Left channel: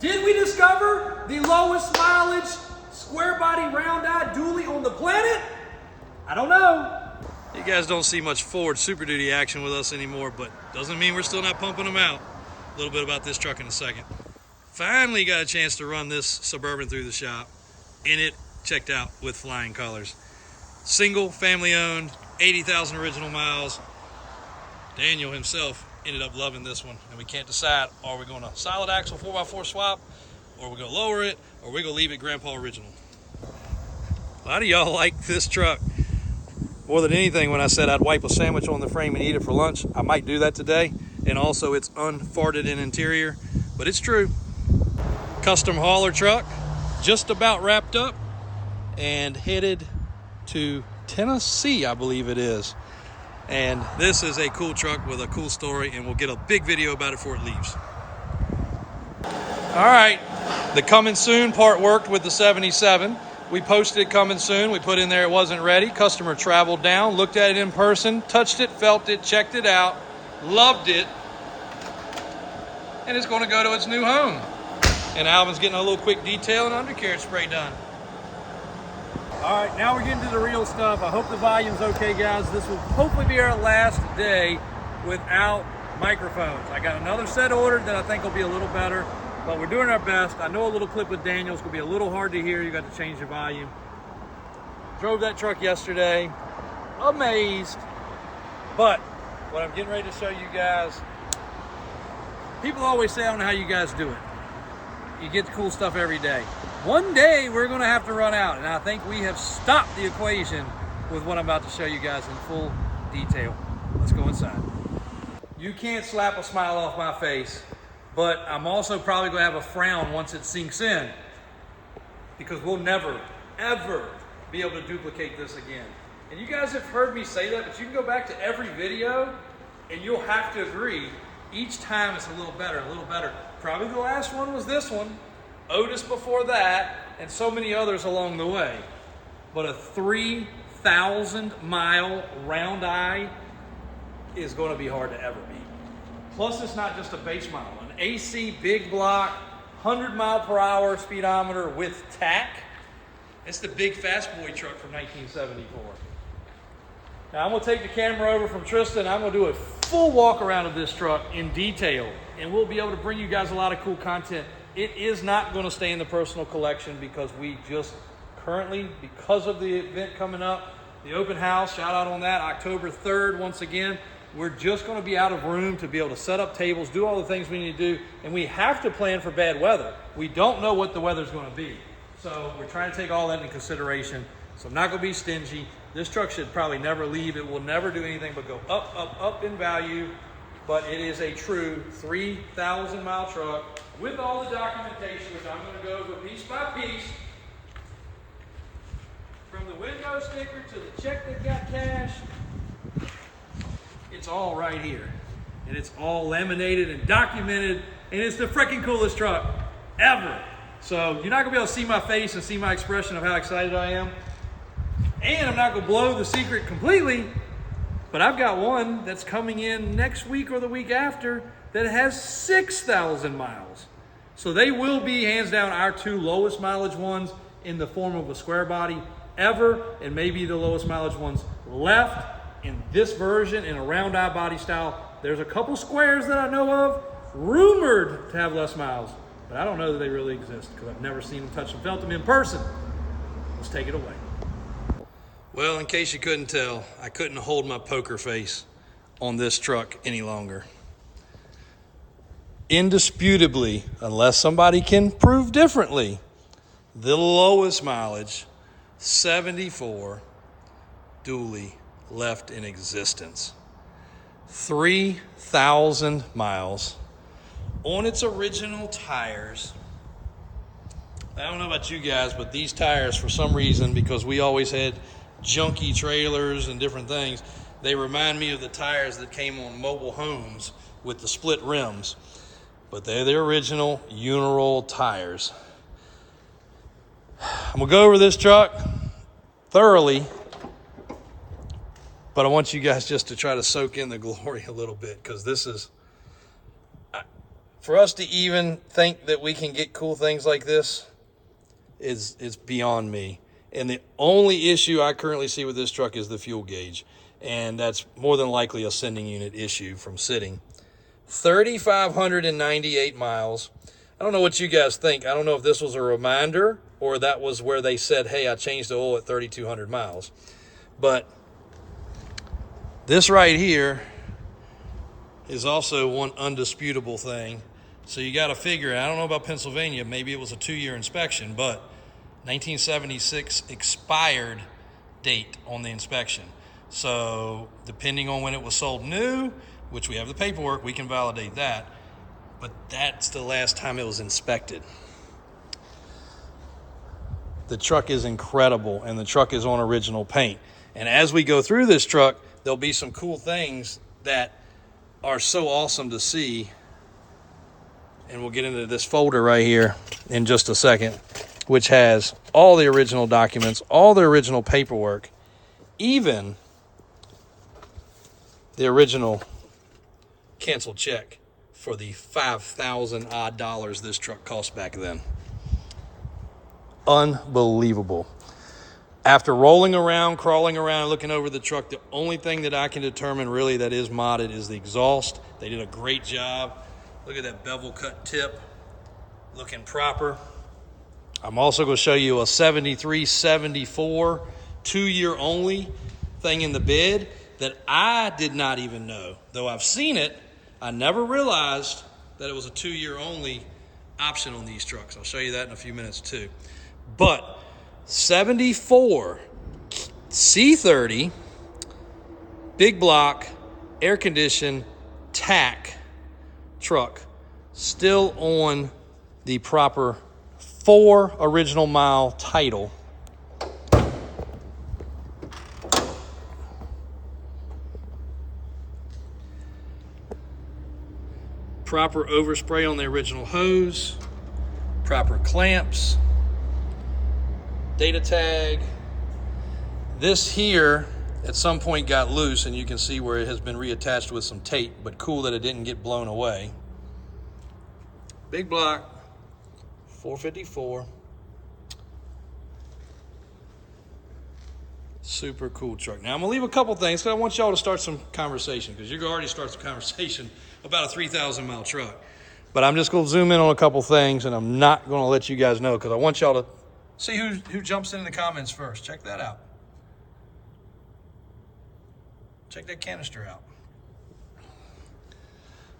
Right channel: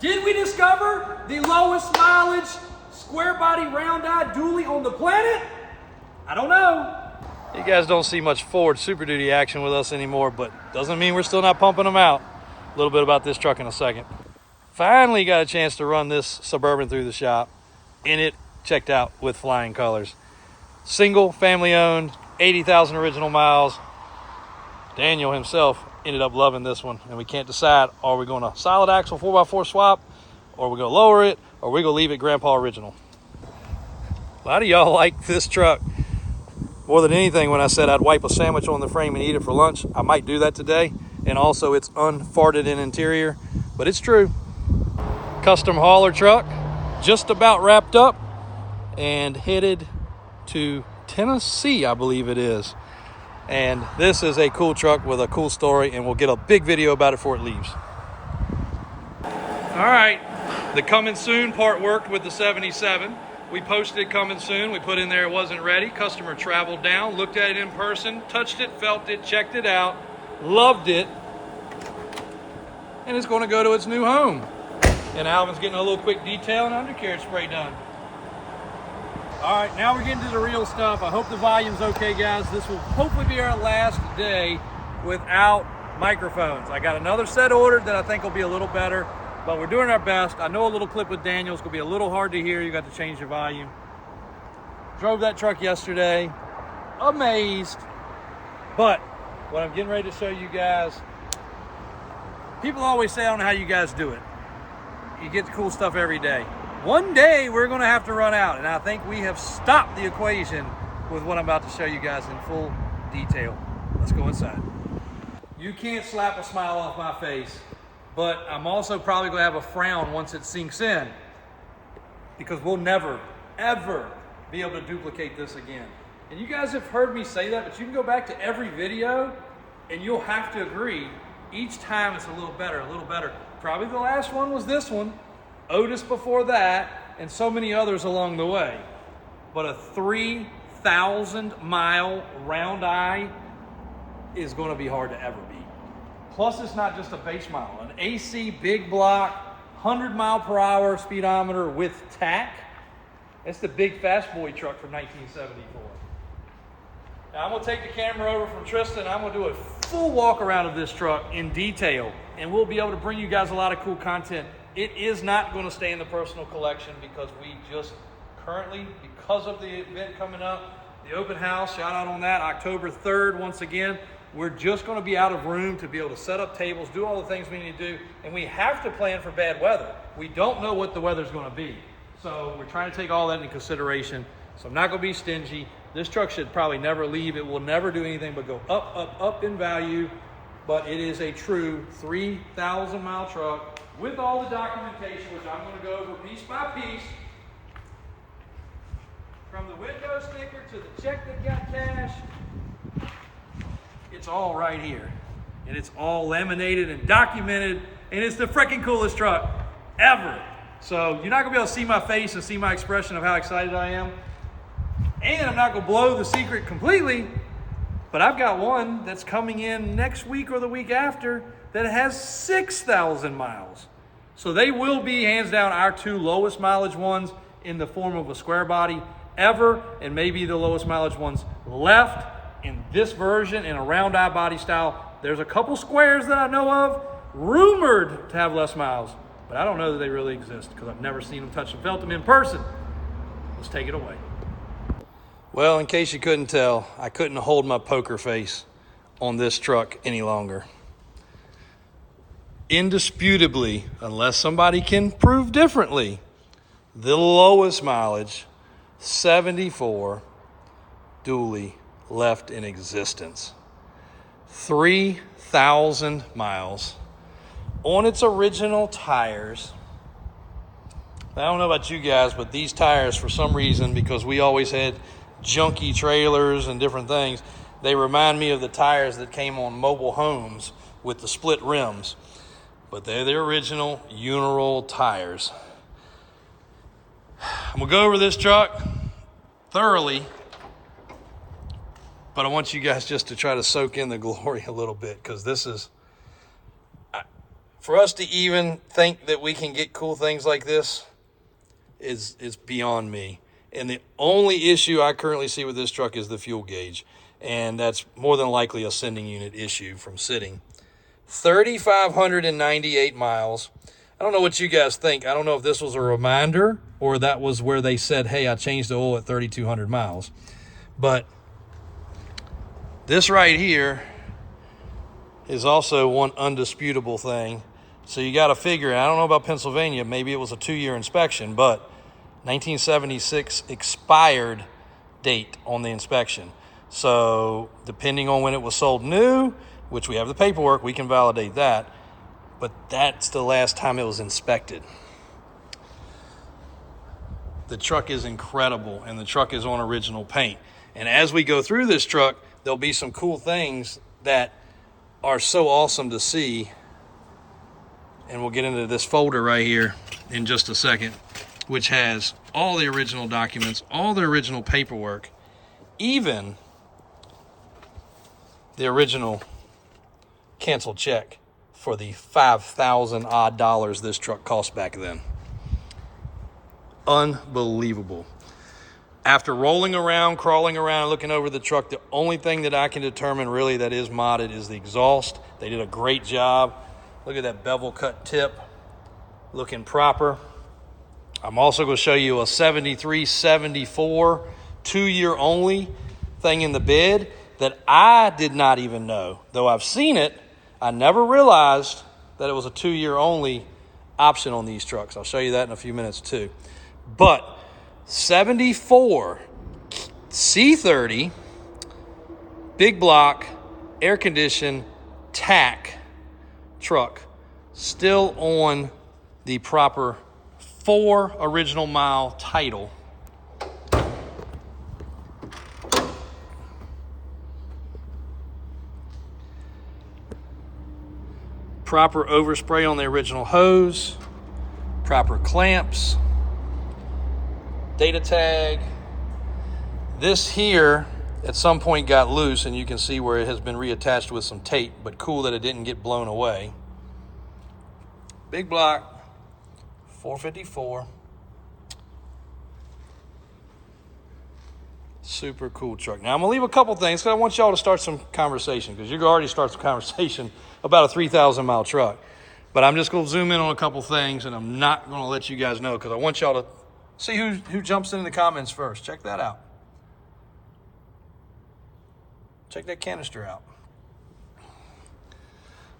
Did we discover the lowest mileage square body round eye dually on the planet? I don't know. You guys don't see much Ford Super Duty action with us anymore, but doesn't mean we're still not pumping them out. A little bit about this truck in a second. Finally got a chance to run this Suburban through the shop, and it checked out with flying colors. Single, family owned, 80,000 original miles. Daniel himself ended up loving this one, and we can't decide, are we going to solid axle 4x4 swap, or are we going to lower it, or are we going to leave it Grandpa original? A lot of y'all like this truck more than anything. When I said I'd wipe a sandwich on the frame and eat it for lunch, I might do that today. And also it's unfarted in interior, but it's true. Custom hauler truck, just about wrapped up and headed to Tennessee, I believe it is. And this is a cool truck with a cool story, and we'll get a big video about it before it leaves. All right, the coming soon part worked with the 77. We posted it coming soon. We put in there it wasn't ready. Customer traveled down, looked at it in person, touched it, felt it, checked it out, loved it, and it's going to go to its new home. And Alvin's getting a little quick detail and undercarriage spray done. All right, now we're getting to the real stuff. I hope the volume's okay, guys. This will hopefully be our last day without microphones. I got another set ordered that I think will be a little better, but we're doing our best. I know a little clip with Daniel is going to be a little hard to hear. You got to change the volume. Drove that truck yesterday. Amazed. But what I'm getting ready to show you guys, people always say, I don't know how you guys do it. You get the cool stuff every day. One day we're going to have to run out, and I think we have stopped the equation with what I'm about to show you guys in full detail. Let's go inside. You can't slap a smile off my face, but I'm also probably going to have a frown once it sinks in, because we'll never, ever be able to duplicate this again. And you guys have heard me say that, but you can go back to every video and you'll have to agree, each time it's a little better, a little better. Probably the last one was this one, Otis before that, and so many others along the way. But a 3,000 mile round eye is going to be hard to ever beat. Plus, it's not just a base model. An AC big block, 100 mile per hour speedometer with tack. That's the big fast boy truck from 1974. Now I'm going to take the camera over from Tristan. I'm going to do a full walk around of this truck in detail, and we'll be able to bring you guys a lot of cool content. It is not going to stay in the personal collection because we just currently, because of the event coming up, the open house, shout out on that, October 3rd, once again, we're just going to be out of room to be able to set up tables, do all the things we need to do, and we have to plan for bad weather. We don't know what the weather's going to be. So we're trying to take all that into consideration. So I'm not going to be stingy. This truck should probably never leave. It will never do anything but go up, up, up in value. But it is a true 3,000 mile truck with all the documentation, which I'm going to go over piece by piece. From the window sticker to the check that got cash. It's all right here. And it's all laminated and documented. And it's the freaking coolest truck ever. So you're not going to be able to see my face and see my expression of how excited I am. And I'm not going to blow the secret completely, but I've got one that's coming in next week or the week after that has 6,000 miles. So they will be, hands down, our two lowest mileage ones in the form of a square body ever, and maybe the lowest mileage ones left in this version in a round eye body style. There's a couple squares that I know of rumored to have less miles, but I don't know that they really exist because I've never seen them, touched them, felt them in person. Let's take it away. Well, in case you couldn't tell, I couldn't hold my poker face on this truck any longer. Indisputably, unless somebody can prove differently, the lowest mileage, 74, dually left in existence. 3,000 miles on its original tires. I don't know about you guys, but these tires, for some reason, because we always had junky trailers and different things, they remind me of the tires that came on mobile homes with the split rims, but they're the original Uniroll tires. I'm gonna go over this truck thoroughly, but I want you guys just to try to soak in the glory a little bit, because this is, For us to even think that we can get cool things like this is beyond me. And the only issue I currently see with this truck is the fuel gauge. And that's more than likely a sending unit issue from sitting. 3,598 miles. I don't know what you guys think. I don't know if this was a reminder or that was where they said, hey, I changed the oil at 3,200 miles. But this right here is also one undisputable thing. So you got to figure, I don't know about Pennsylvania, maybe it was a 2-year inspection, but 1976 expired date on the inspection. So depending on when it was sold new, which we have the paperwork, we can validate that. But that's the last time it was inspected. The truck is incredible, and the truck is on original paint. And as we go through this truck, there'll be some cool things that are so awesome to see. And we'll get into this folder right here in just a second, which has all the original documents, all the original paperwork, even the original canceled check for the 5,000 odd dollars this truck cost back then. Unbelievable. After rolling around, crawling around, and looking over the truck, the only thing that I can determine really that is modded is the exhaust. They did a great job. Look at that bevel cut tip, looking proper. I'm also going to show you a 73, 74, 2-year only thing in the bed that I did not even know. Though I've seen it, I never realized that it was a 2-year only option on these trucks. I'll show you that in a few minutes too. But 74 C30, big block, air conditioned, tack truck, still on the proper 4 original mile title. Proper overspray on the original hose, proper clamps, data tag. This here at some point got loose, and you can see where it has been reattached with some tape, but cool that it didn't get blown away. Big block, 454. Super cool truck. Now I'm gonna leave a couple things because I want y'all to start some conversation, because you're already start some conversation about a 3,000 mile truck. But I'm just gonna zoom in on a couple things, and I'm not gonna let you guys know because I want y'all to see who jumps in the comments first. Check that out. Check that canister out.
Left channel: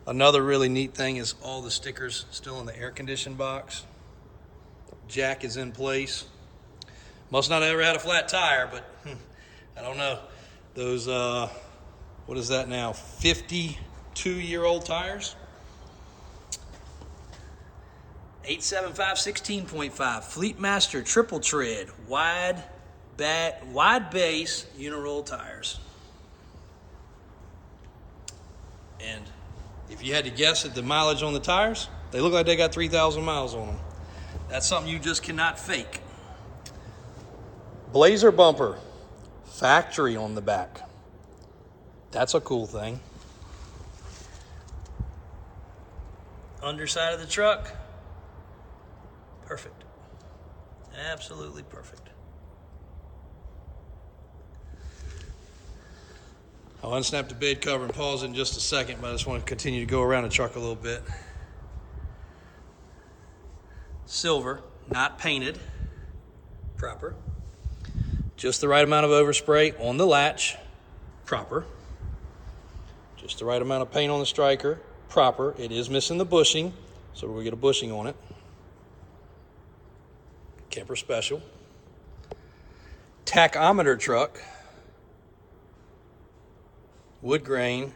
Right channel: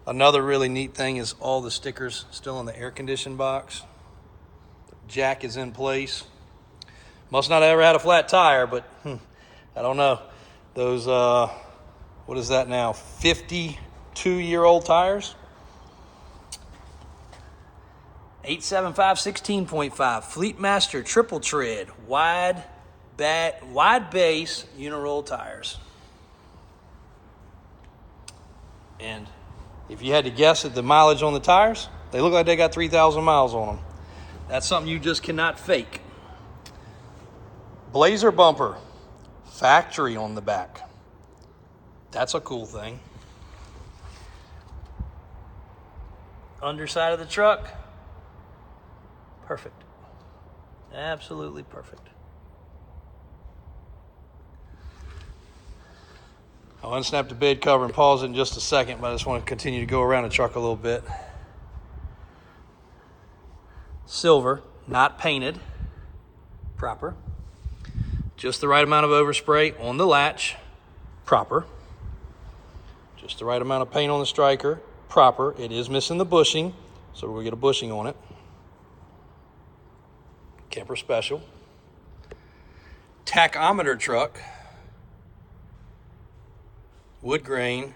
Another really neat thing is all the stickers still in the air conditioned box. Jack is in place. Must not have ever had a flat tire, but I don't know. Those, what is that now? 52-year-old tires? 875 16.5 Fleetmaster triple tread wide base uniroll tires. And if you had to guess at the mileage on the tires, they look like they got 3,000 miles on them. That's something you just cannot fake. Blazer bumper, factory on the back. That's a cool thing. Underside of the truck, perfect. Absolutely perfect. I'll unsnap the bed cover and pause it in just a second, but I just want to continue to go around the truck a little bit. Silver, not painted, proper. Just the right amount of overspray on the latch, proper. Just the right amount of paint on the striker, proper. It is missing the bushing, so we're gonna get a bushing on it. Camper special. Tachometer truck. Wood grain.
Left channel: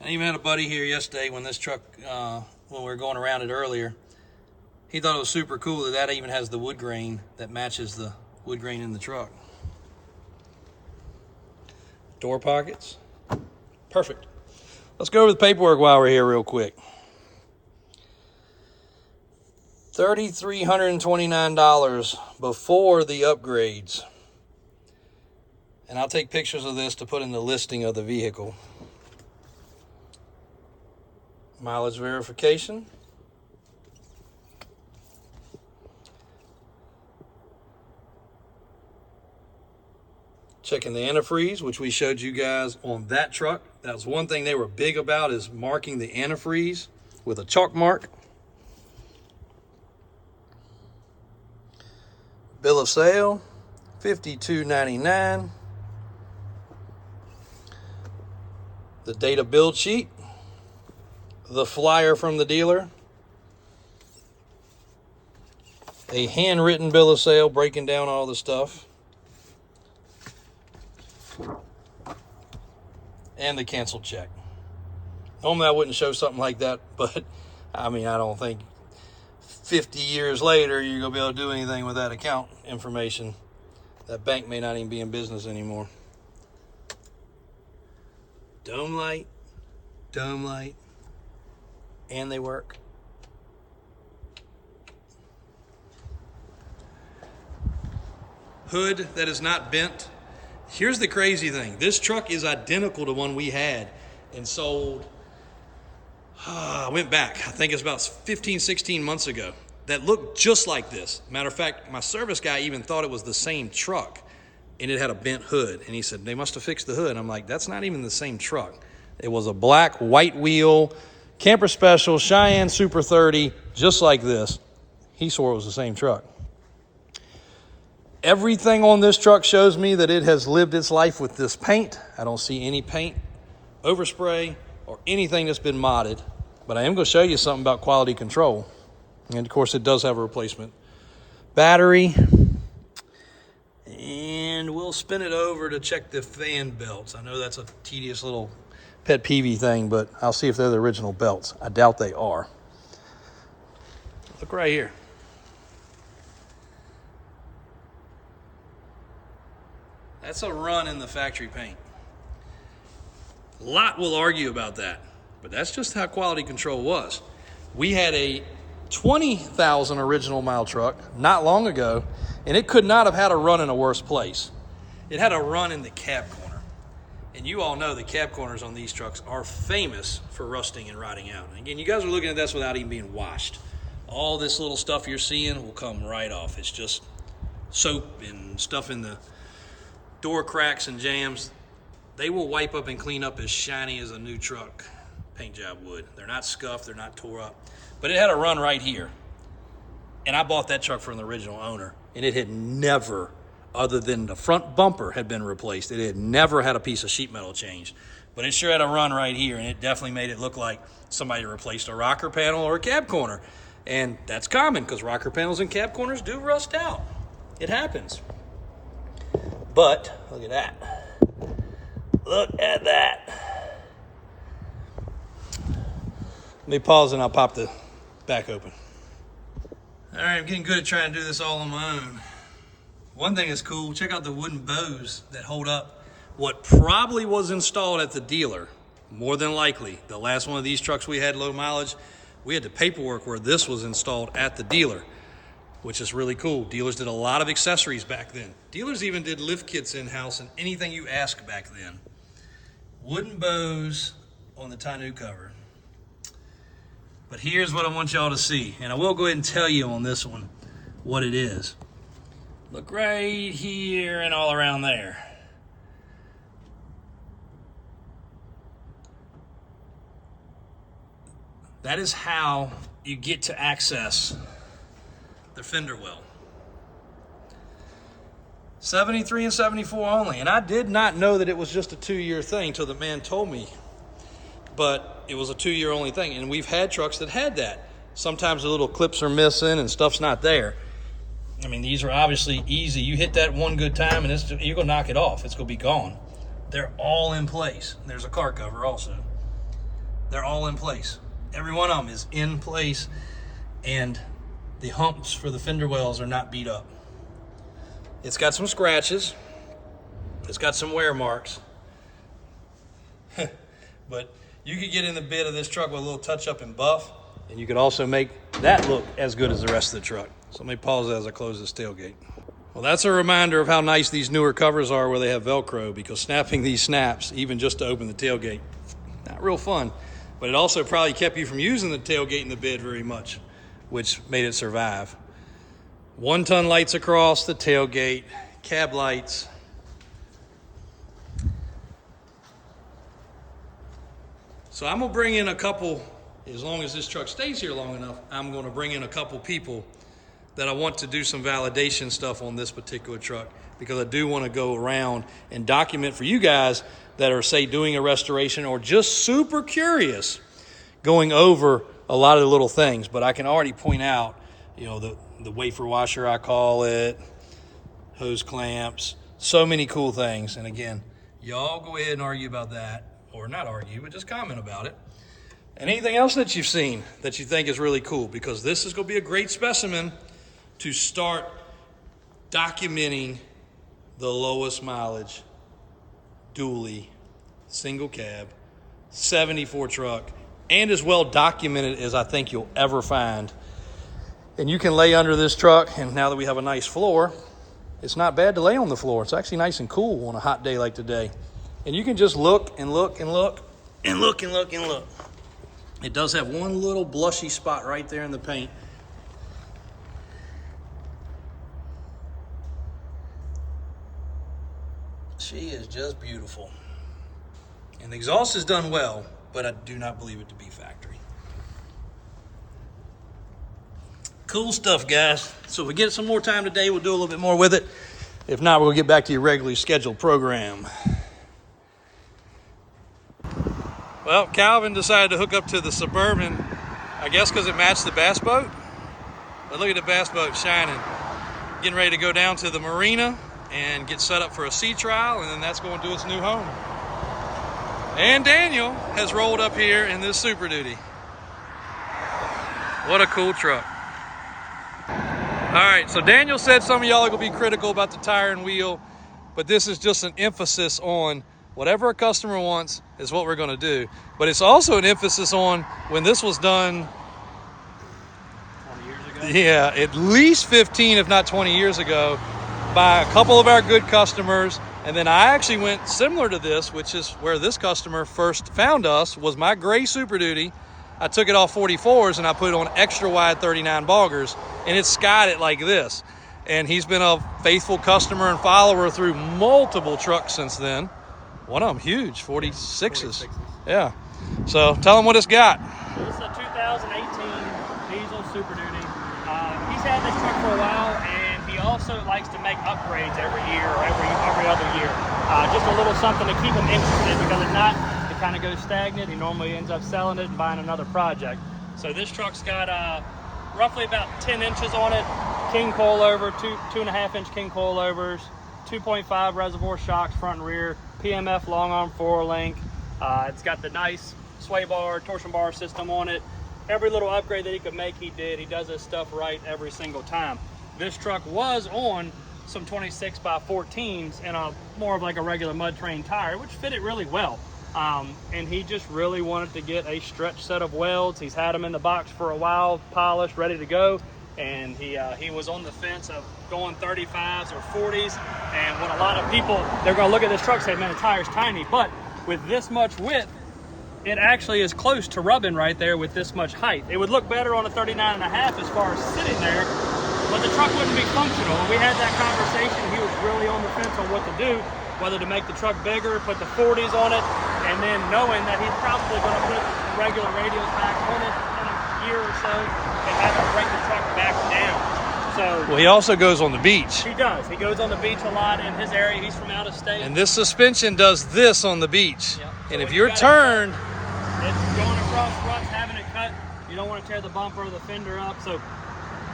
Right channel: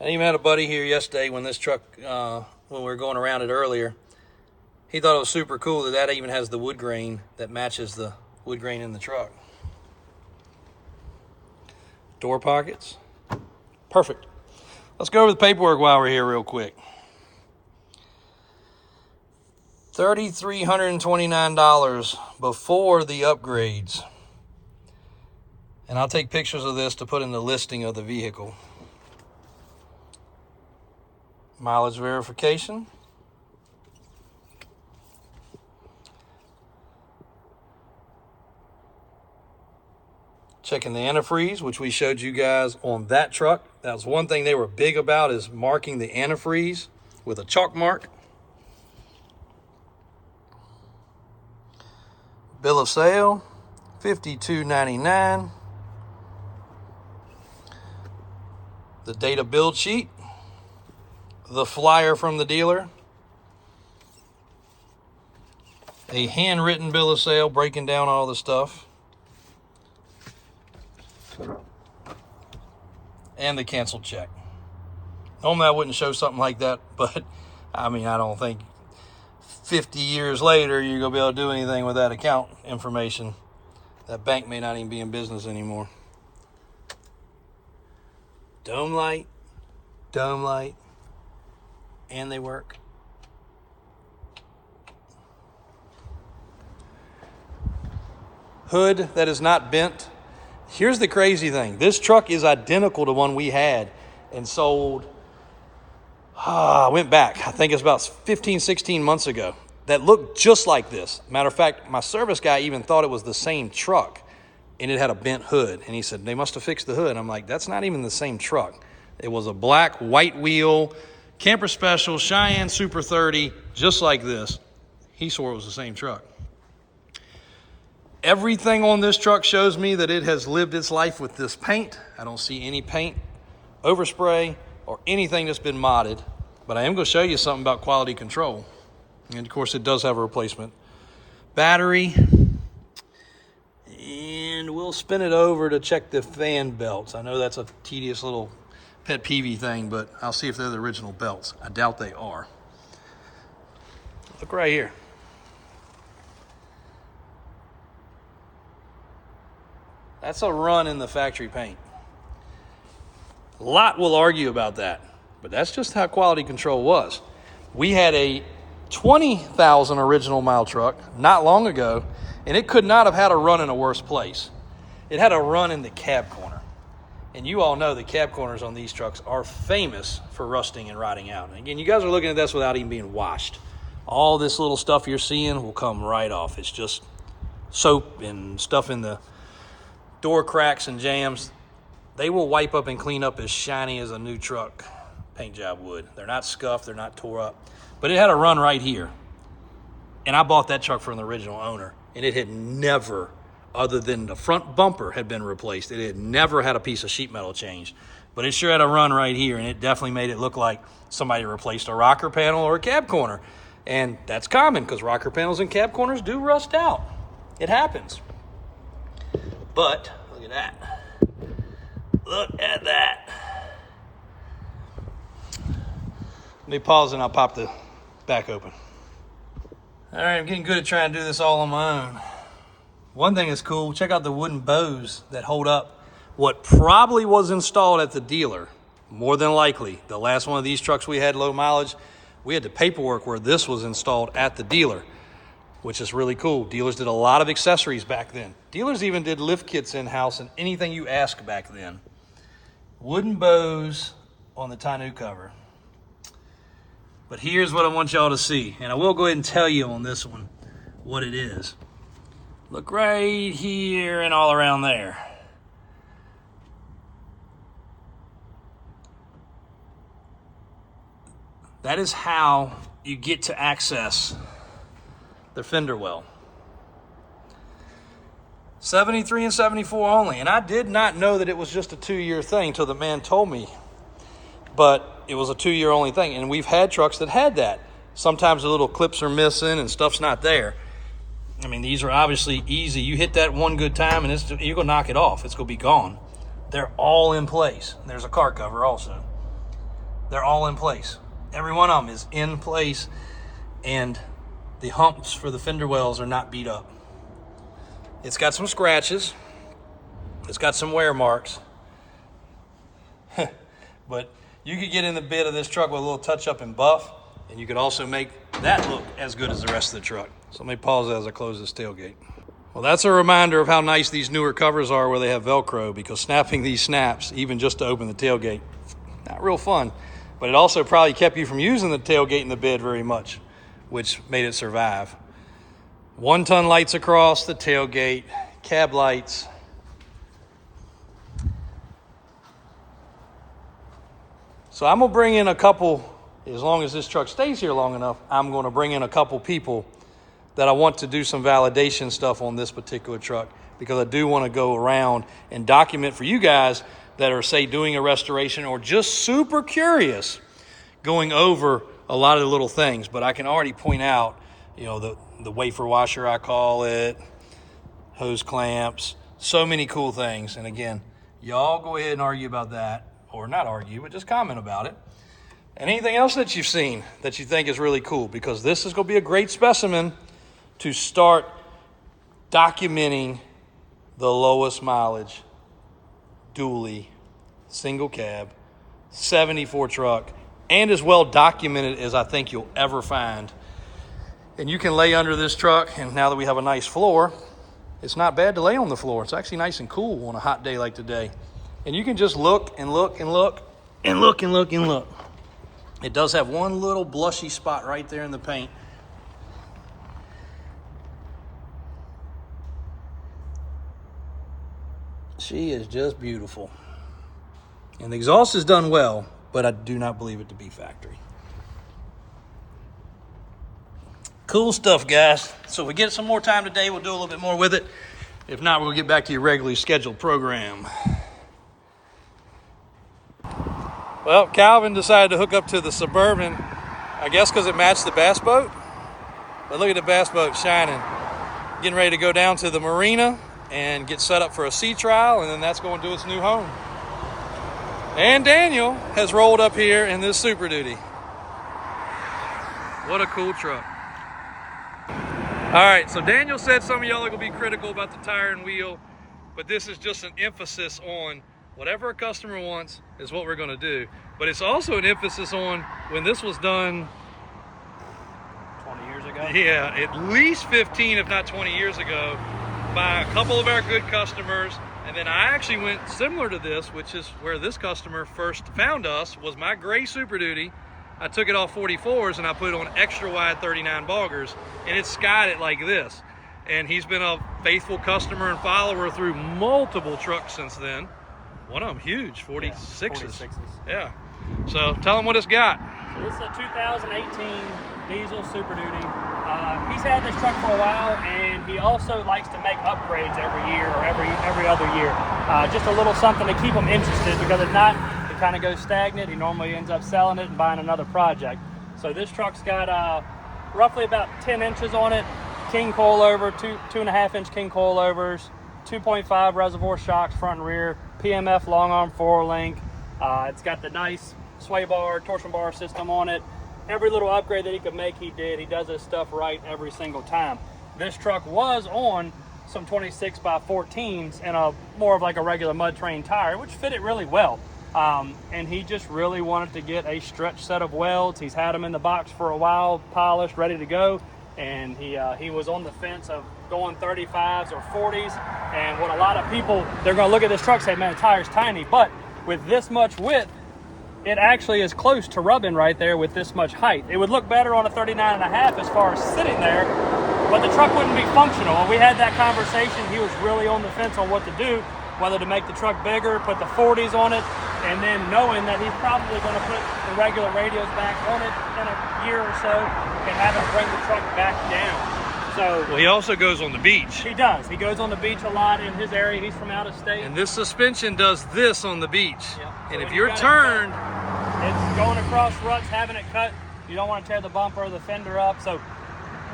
I even had a buddy here yesterday when this truck, when we were going around it earlier, he thought it was super cool that that even has the wood grain that matches the wood grain in the truck. Door pockets, perfect. Let's go over the paperwork while we're here real quick. $3,329 before the upgrades. And I'll take pictures of this to put in the listing of the vehicle. Mileage verification. Checking the antifreeze, which we showed you guys on that truck. That was one thing they were big about, is marking the antifreeze with a chalk mark. Bill of sale, $52.99. The data build sheet, the flyer from the dealer, a handwritten bill of sale breaking down all the stuff, and the canceled check. Normally I wouldn't show something like that, but I mean, I don't think 50 years later you're gonna be able to do anything with that account information. That bank may not even be in business anymore. Dome light, and they work. Hood that is not bent. Here's the crazy thing. This truck is identical to one we had and sold, I went back, I think it's about 15, 16 months ago, that looked just like this. Matter of fact, my service guy even thought it was the same truck, and it had a bent hood. And he said, they must have fixed the hood. I'm like, that's not even the same truck. It was a black, white wheel, Camper Special, Cheyenne Super 30, just like this. He swore it was the same truck. Everything on this truck shows me that it has lived its life with this paint. I don't see any paint, overspray, or anything that's been modded. But I am going to show you something about quality control. And of course, it does have a replacement battery. And we'll spin it over to check the fan belts. I know that's a tedious little pet peeve thing, but I'll see if they're the original belts. I doubt they are. Look right here. That's a run in the factory paint. A lot will argue about that, but that's just how quality control was. We had a 20,000 original mile truck not long ago, and it could not have had a run in a worse place. It had a run in the cab corner. And you all know the cab corners on these trucks are famous for rusting and rotting out. And again, you guys are looking at this without even being washed. All this little stuff you're seeing will come right off. It's just soap and stuff in the door cracks and jams. They will wipe up and clean up as shiny as a new truck paint job would. They're not scuffed, they're not tore up. But it had a run right here. And I bought that truck from the original owner, and it had never, other than the front bumper had been replaced, it had never had a piece of sheet metal changed. But it sure had a run right here, and it definitely made it look like somebody replaced a rocker panel or a cab corner. And that's common, because rocker panels and cab corners do rust out. It happens. But look at that. Look at that. Let me pause and I'll pop the back open. All right, I'm getting good at trying to do this all on my own. One thing that's cool, check out the wooden bows that hold up what probably was installed at the dealer. More than likely, the last one of these trucks we had low mileage, we had the paperwork where this was installed at the dealer, which is really cool. Dealers did a lot of accessories back then. Dealers even did lift kits in-house and anything you ask back then. Wooden bows on the tonneau cover. But here's what I want y'all to see. And I will go ahead and tell you on this one what it is. Look right here and all around there. That is how you get to access the fender well. 73 and 74 only. And I did not know that it was just a 2-year thing until the man told me. But it was a 2-year only thing. And we've had trucks that had that. Sometimes the little clips are missing and stuff's not there. I mean, these are obviously easy. You hit that one good time and you're going to knock it off. It's going to be gone. They're all in place. There's a car cover also. They're all in place. Every one of them is in place. And the humps for the fender wells are not beat up. It's got some scratches. It's got some wear marks. But you could get in the bed of this truck with a little touch up and buff, and you could also make that look as good as the rest of the truck. So let me pause as I close this tailgate. Well, that's a reminder of how nice these newer covers are where they have Velcro, because snapping these snaps, even just to open the tailgate, not real fun. but it also probably kept you from using the tailgate and the bed very much, which made it survive. 1-ton lights across the tailgate, cab lights. So I'm gonna bring in a couple, as long as this truck stays here long enough, I'm gonna bring in a couple people that I want to do some validation stuff on this particular truck, because I do want to go around and document for you guys that are, say, doing a restoration or just super curious, going over a lot of the little things. But I can already point out, you know, the wafer washer, I call it, hose clamps, so many cool things. And again, y'all go ahead and argue about that, or not argue, but just comment about it. And anything else that you've seen that you think is really cool, because this is going to be a great specimen to start documenting the lowest mileage, dually, single cab, 74 truck, and as well documented as I think you'll ever find. And you can lay under this truck, and now that we have a nice floor, it's not bad to lay on the floor. It's actually nice and cool on a hot day like today. And you can just look and look and look and look and look and look. It does have one little blushy spot right there in the paint. She is just beautiful. And the exhaust is done well, but I do not believe it to be factory. Cool stuff, guys. So if we get some more time today, we'll do a little bit more with it. If not, we'll get back to your regularly scheduled program. Well, Calvin decided to hook up to the Suburban, I guess because it matched the bass boat. But look at the bass boat shining. Getting ready to go down to the marina and get set up for a sea trial, and then that's going to its new home. And Daniel has rolled up here in this Superduty. What a cool truck. All right, so Daniel said some of y'all are gonna be critical about the tire and wheel, but this is just an emphasis on whatever a customer wants is what we're gonna do. But it's also an emphasis on when this was done 20 years ago? Yeah, at least 15, if not 20 years ago, by a couple of our good customers. And then I actually went similar to this, which is where this customer first found us, was my gray Superduty. I took it off 44s and I put it on extra wide 39 boggers, and it skied it like this. And he's been a faithful customer and follower through multiple trucks since then. One of them huge, 46s. Yeah. So tell him what it's got. So this is a 2018 diesel Super Duty. He's had this truck for a while, and he also likes to make upgrades every year, every other year. Just a little something to keep him interested, because if not, it kind of goes stagnant. He normally ends up selling it and buying another project. So this truck's got roughly about 10 inches on it, king coilover, 2.5-inch king coilovers, 2.5 reservoir shocks front and rear, PMF long arm 4-link. It's got the nice sway bar, torsion bar system on it. Every little upgrade that he could make, he did. He does his stuff right every single time. This truck was on some 26x14s and a more of like a regular mud train tire, which fit it really well. And he just really wanted to get a stretch set of welds. He's had them in the box for a while, polished, ready to go. And he was on the fence of going 35s or 40s. And what a lot of people, they're gonna look at this truck and say, man, the tire's tiny. But with this much width, it actually is close to rubbing right there with this much height. It would look better on a 39.5 as far as sitting there, but the truck wouldn't be functional. When we had that conversation, he was really on the fence on what to do, whether to make the truck bigger, put the 40s on it, and then knowing that he's probably going to put the regular radials back on it in a year or so, and have to bring the truck back down. So, well, he also goes on the beach. He does. He goes on the beach a lot in his area. He's from out of state. And this suspension does this on the beach. Yeah. And if you're turned, it's going across ruts, having it cut. You don't want to tear the bumper or the fender up. So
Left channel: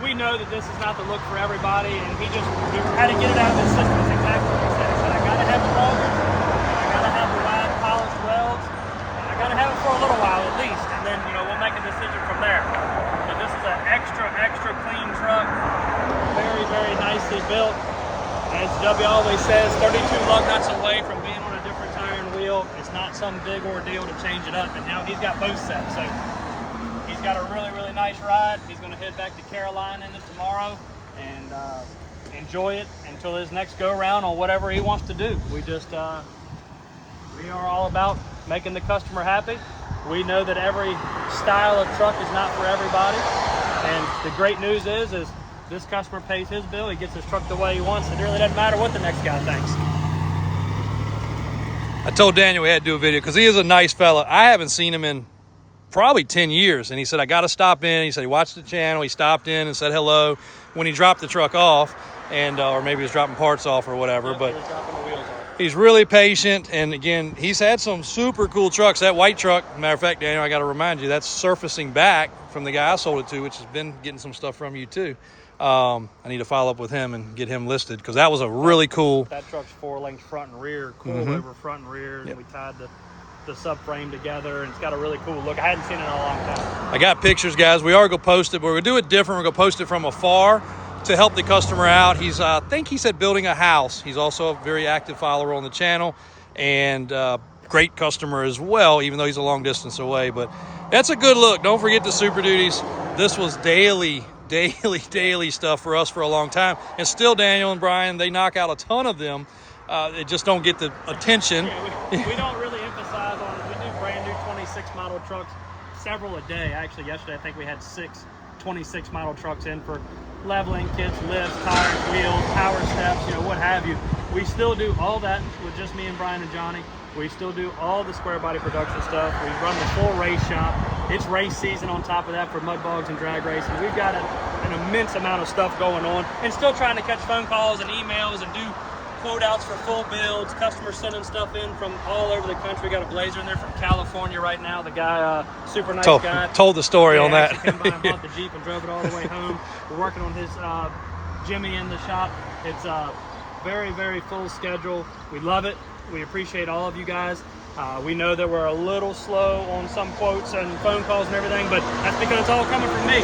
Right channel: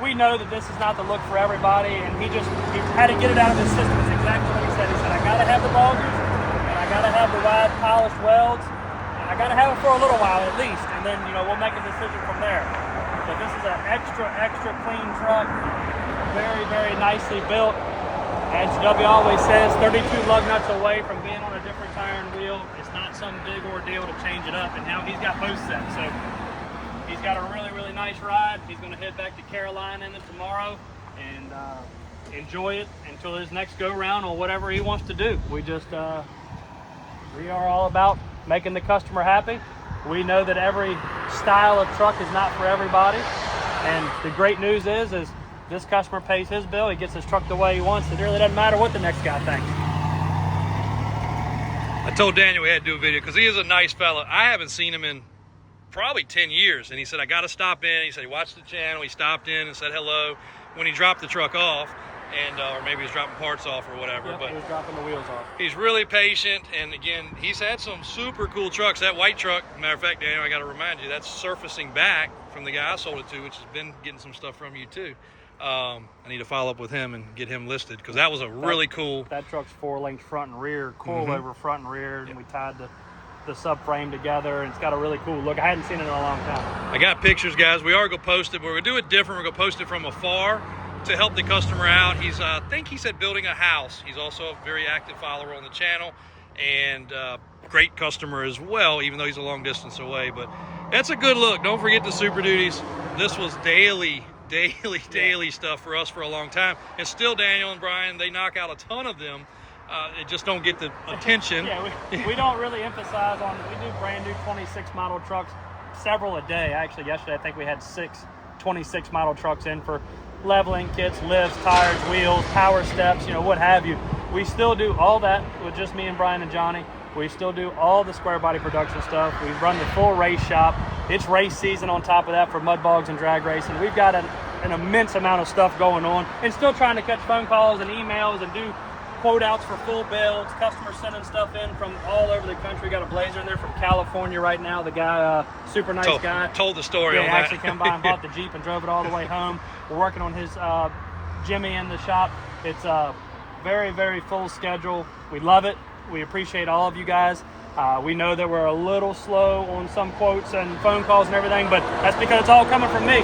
we know that this is not the look for everybody, and he had to get it out of his system. It's exactly what he said. He said, I gotta have the welders, I gotta have the wide polished welds, I gotta have it for a little while at least, and then we'll make a decision from there. But this is an extra clean truck, very, very nicely built. As W always says, 32 lug nuts away from being on a different tire and wheel. It's not some big ordeal to change it up, and now he's got both sets. So he's got a really, really nice ride. He's going to head back to Carolina in it tomorrow and enjoy it until his next go around on whatever he wants to do. We are all about making the customer happy, We know that every style of truck is not for everybody. And the great news is this customer pays his bill, he gets his truck the way he wants. It really doesn't matter what the next guy thinks. I told Daniel we had to do a video because he is a nice fella. I haven't seen him in probably 10 years. And he said, I got to stop in. He said he watched the channel. He stopped in and said hello when he dropped the truck off. And or maybe he was dropping parts off or whatever. Yeah, but he was dropping the wheels off. He's really patient. And again, he's had some super cool trucks. That white truck, matter of fact, Daniel, I got to remind you, that's surfacing back from the guy I sold it to, which has been getting some stuff from you too. I need to follow up with him and get him listed because that was a really cool. That truck's 4 links front and rear, coilover front and rear. And we tied the subframe together, and it's got a really cool look. I hadn't seen it in a long time. I got pictures, guys. We are going to post it, but we're going to do it different. We're going to post it from afar to help the customer out. He's, I think he said building a house. He's also a very active follower on the channel and great customer as well, even though he's a long distance away. But that's a good look. Don't forget the Super Duties. This was daily stuff for us for a long time. And still, Daniel and Brian, they knock out a ton of them. They just don't get the attention. Yeah, we don't really emphasize on, we do brand new 26 model trucks, several a day. Actually, yesterday I think we had 6 26 model trucks in for leveling kits, lifts, tires, wheels, power steps, what have you. We still do all that with just me and Brian and Johnny. We still do all the square body production stuff. We run the full race shop. It's race season on top of that for mud bogs and drag racing. We've got an immense amount of stuff going on, and still trying to catch phone calls and emails and do quote outs for full builds. Customers sending stuff in from all over the country. Got a Blazer in there from California right now. The guy, super nice guy. Told the story on that. Actually came by and bought the Jeep and drove it all the way home. We're working on his Jimmy in the shop. It's a very, very full schedule. We love it. We appreciate all of you guys. We know that we're a little slow on some quotes and phone calls and everything, but that's because it's all coming from me.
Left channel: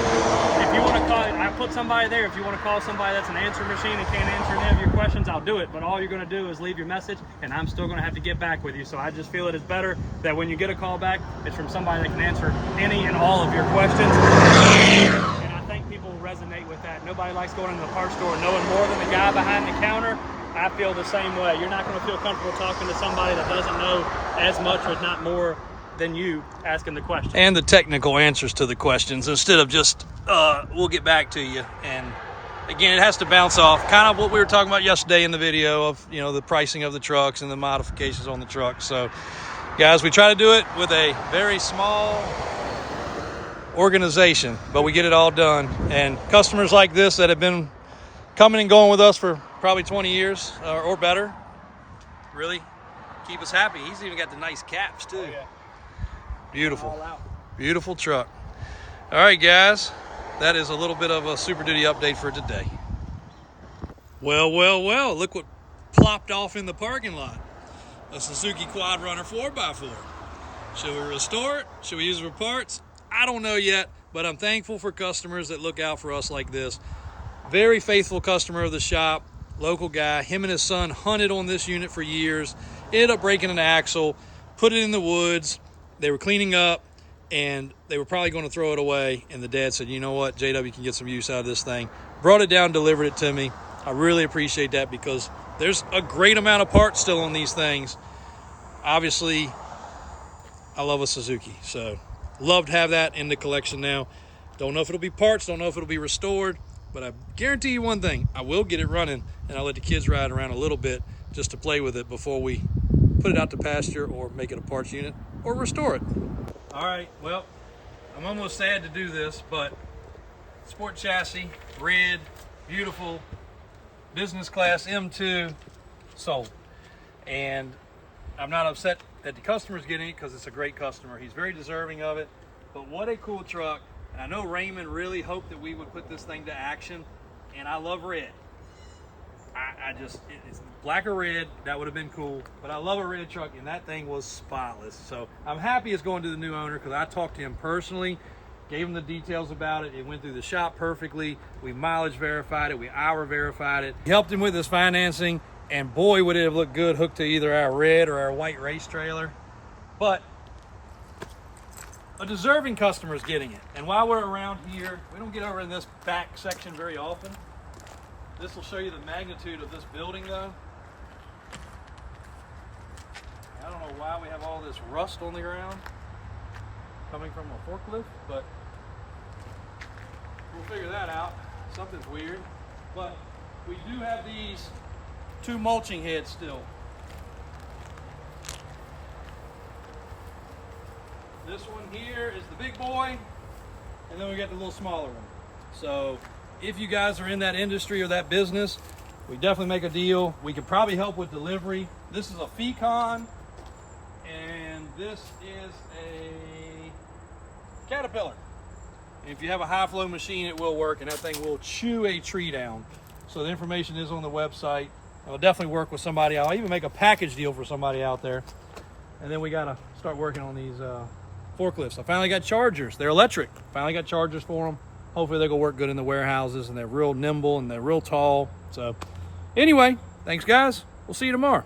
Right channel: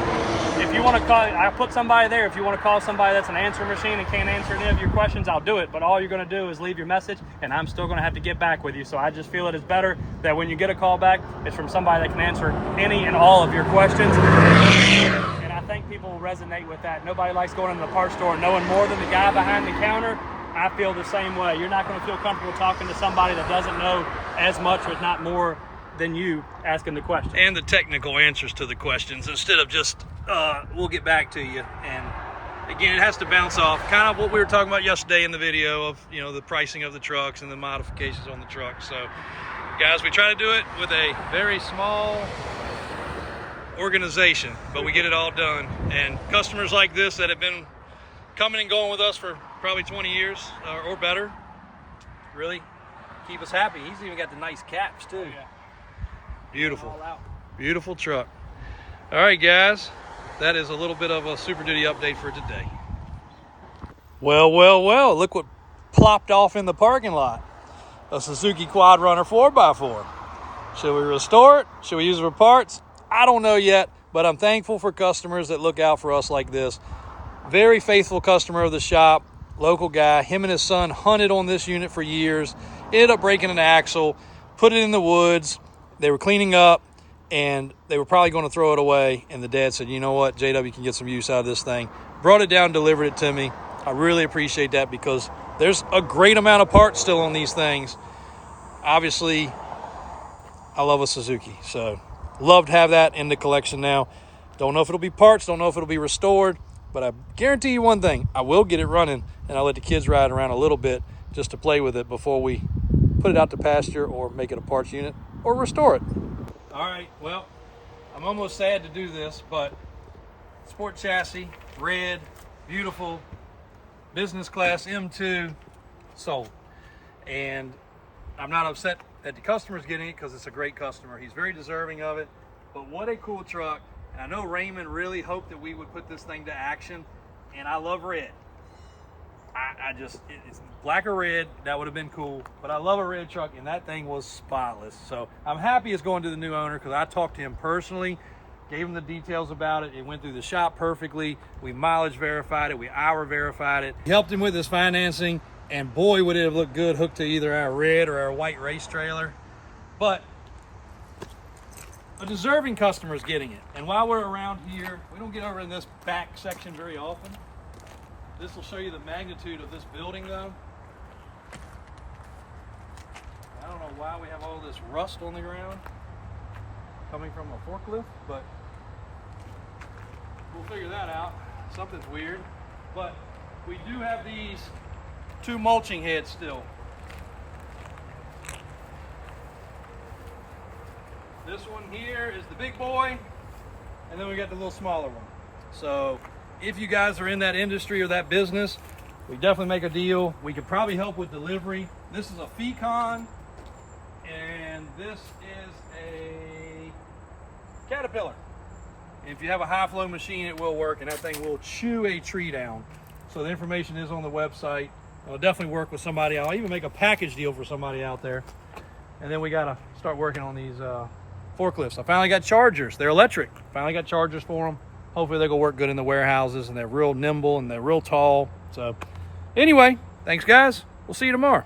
If you want to call, I put somebody there. If you want to call somebody that's an answering machine and can't answer any of your questions, I'll do it. But all you're going to do is leave your message, and I'm still going to have to get back with you. So I just feel it is better that when you get a call back, it's from somebody that can answer any and all of your questions. And I think people resonate with that. Nobody likes going into the parts store knowing more than the guy behind the counter. I feel the same way. You're not going to feel comfortable talking to somebody that doesn't know as much, if not more, than you asking the question. And the technical answers to the questions instead of just, we'll get back to you. And again, it has to bounce off kind of what we were talking about yesterday in the video of, the pricing of the trucks and the modifications on the trucks. So guys, we try to do it with a very small organization, but we get it all done. And customers like this that have been coming and going with us for probably 20 years or better really keep us happy. He's even got the nice caps too. Yeah. Beautiful truck. All right, guys, that is a little bit of a Super Duty update for today. Well, look what plopped off in the parking lot. A Suzuki Quad Runner 4x4. Should we restore it? Should we use it for parts? I don't know yet, but I'm thankful for customers that look out for us like this. Very faithful customer of the shop, local guy. Him and his son hunted on this unit for years, ended up breaking an axle, put it in the woods. They were cleaning up and they were probably going to throw it away. And the dad said, you know what, JW can get some use out of this thing. Brought it down, delivered it to me. I really appreciate that because there's a great amount of parts still on these things. Obviously, I love a Suzuki, so love to have that in the collection now. Don't know if it'll be parts, don't know if it'll be restored, but I guarantee you one thing, I will get it running and I'll let the kids ride around a little bit just to play with it before we put it out to pasture or make it a parts unit or restore it. All right, well, I'm almost sad to do this, but sport chassis, red, beautiful, business class M2, sold. And I'm not upset that the customer's getting it because it's a great customer. He's very deserving of it, but what a cool truck. And I know Raymond really hoped that we would put this thing to action, and I love red. It's black or red, that would have been cool, but I love a red truck, and that thing was spotless. So I'm happy it's going to the new owner because I talked to him personally, gave him the details about it. It went through the shop perfectly. We mileage verified it, we hour verified it. Helped him with his financing, and boy, would it have looked good hooked to either our red or our white race trailer. But a deserving customer is getting it. And while we're around here, we don't get over in this back section very often. This will show you the magnitude of this building though. I don't know why we have all this rust on the ground. coming from a forklift, but we'll figure that out. Something's weird. But we do have these 2 mulching heads still. This one here is the big boy, and then we got the little smaller one. So if you guys are in that industry or that business, we definitely make a deal. We could probably help with delivery. This is a Fecon, and this is a Caterpillar. And if you have a high flow machine, it will work, and that thing will chew a tree down. So the information is on the website. I'll definitely work with somebody. I'll even make a package deal for somebody out there. And then we gotta start working on these forklifts. I finally got chargers. They're electric. Finally got chargers for them. Hopefully they're gonna work good in the warehouses, and they're real nimble and they're real tall. So anyway, thanks guys. We'll see you tomorrow.